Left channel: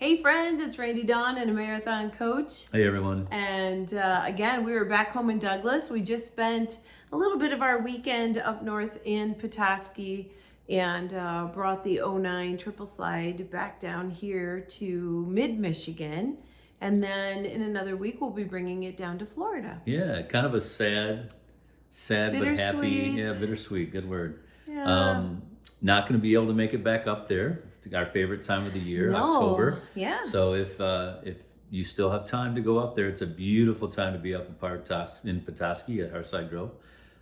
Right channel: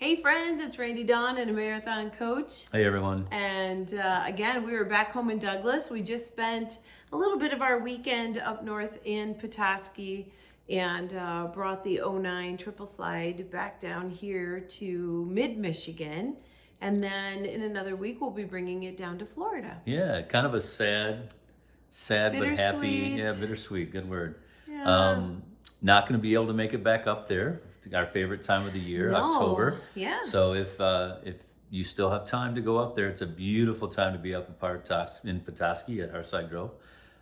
Hey friends, it's Randy Dawn and a marathon coach. Hey everyone. And again, we were back home in Douglas. We just spent a little bit of our weekend up north in Petoskey and brought the '09 triple slide back down here to mid-Michigan. And then in another week, we'll be bringing it down to Florida. Yeah, kind of a sad but happy. Bittersweet. Yeah, bittersweet. Good word. Yeah. Not going to be able to make it back up there. Our favorite time of the year, No. October. Yeah. So if you still have time to go up there, it's a beautiful time to be up in Petoskey at Hearthside Grove.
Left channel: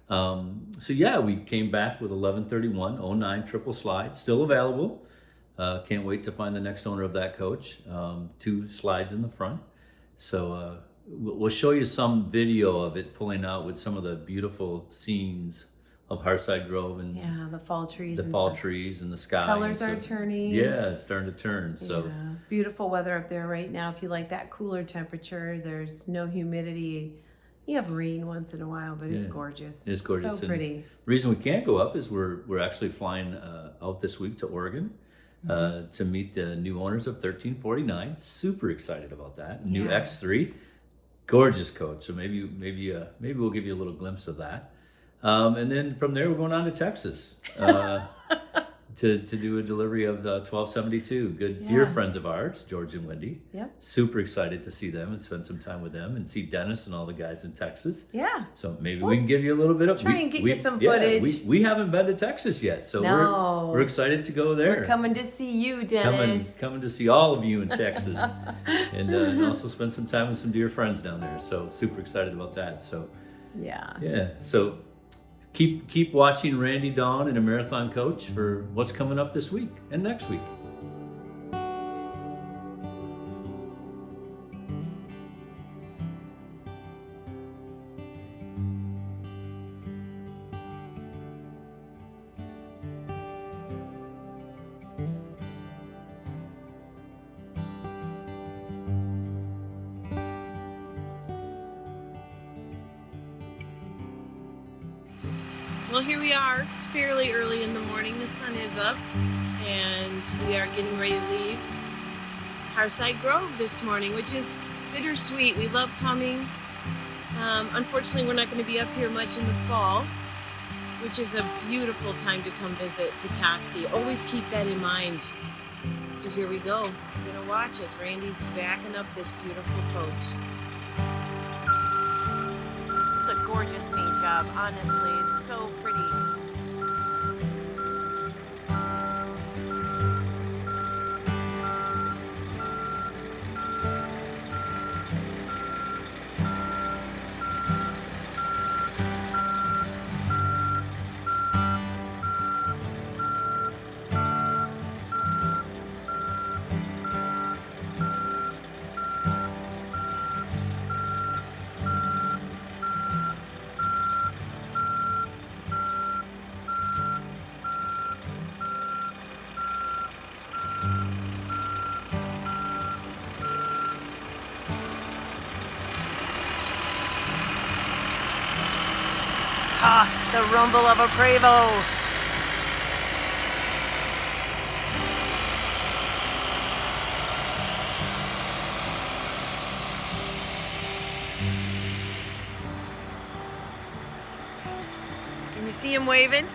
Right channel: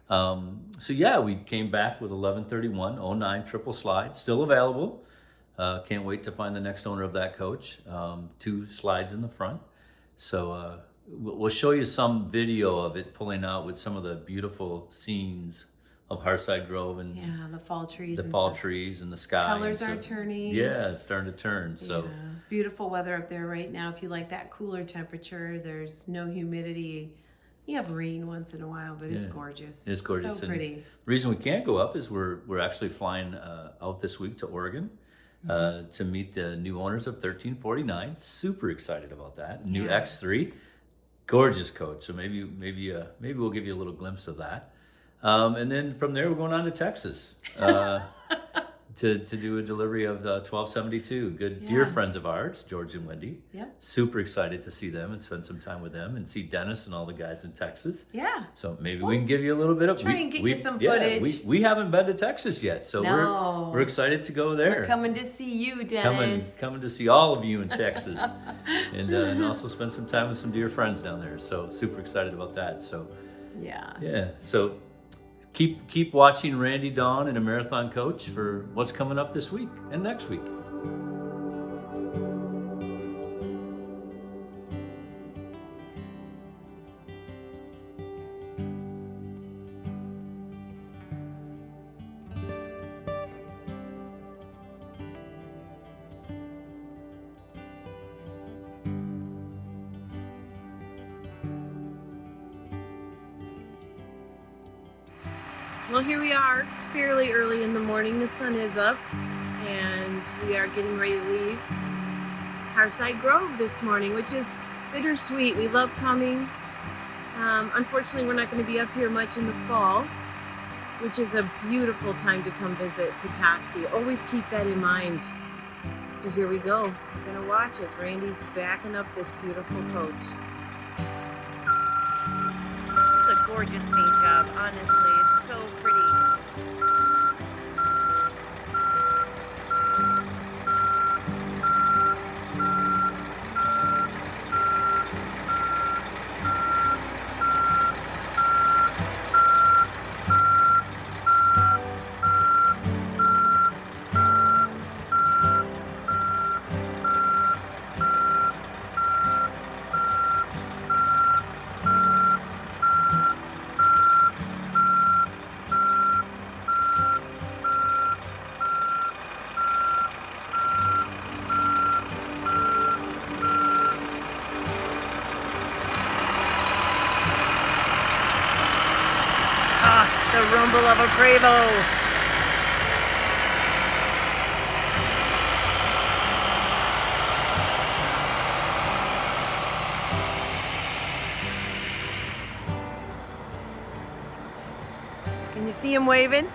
So yeah, we came back with 11:31:09 triple slide, still available. Can't wait to find the next owner of that coach. 2 slides in the front. So we'll show you some video of it pulling out with some of the beautiful scenes of Hearthside Grove and Yeah, the fall trees. trees and the sky. Colors are turning. Yeah, it's starting to turn. So yeah, beautiful weather up there right now. If you like that cooler temperature, there's no humidity. You have rain once in a while, but it's gorgeous. it's gorgeous. So pretty. The reason we can't go up is we're actually flying out this week to Oregon to meet the new owners of 1349. Super excited about that. New Yeah. X3, gorgeous coach. So maybe we'll give you a little glimpse of that. And then from there, we're going on to Texas to do a delivery of 1272. Good, dear friends of ours, George and Wendy. Yep. Super excited to see them and spend some time with them and see Dennis and all the guys in Texas. Yeah. So maybe we can give you a little bit of try and get you some footage. We haven't been to Texas yet, so No. we're excited to go there. We're coming to see you, Dennis. Coming to see all of you in Texas, and also spend some time with some dear friends down there. So super excited about that. So Yeah. So keep watching Randy Dawn and a Marathon Coach for what's coming up this week and next week. Well, here we are. It's fairly early in the morning. The sun is up, and we are getting ready to leave Hearthside Grove this morning, which is bittersweet. We love coming. Unfortunately, we're not going to be up here much in the fall, which is a beautiful time to come visit Petoskey. Always keep that in mind. So here we go. You're going to watch as Randy's backing up this beautiful coach. It's a gorgeous paint job, honestly. It's so pretty. The rumble of a Bravo. Can you see him waving?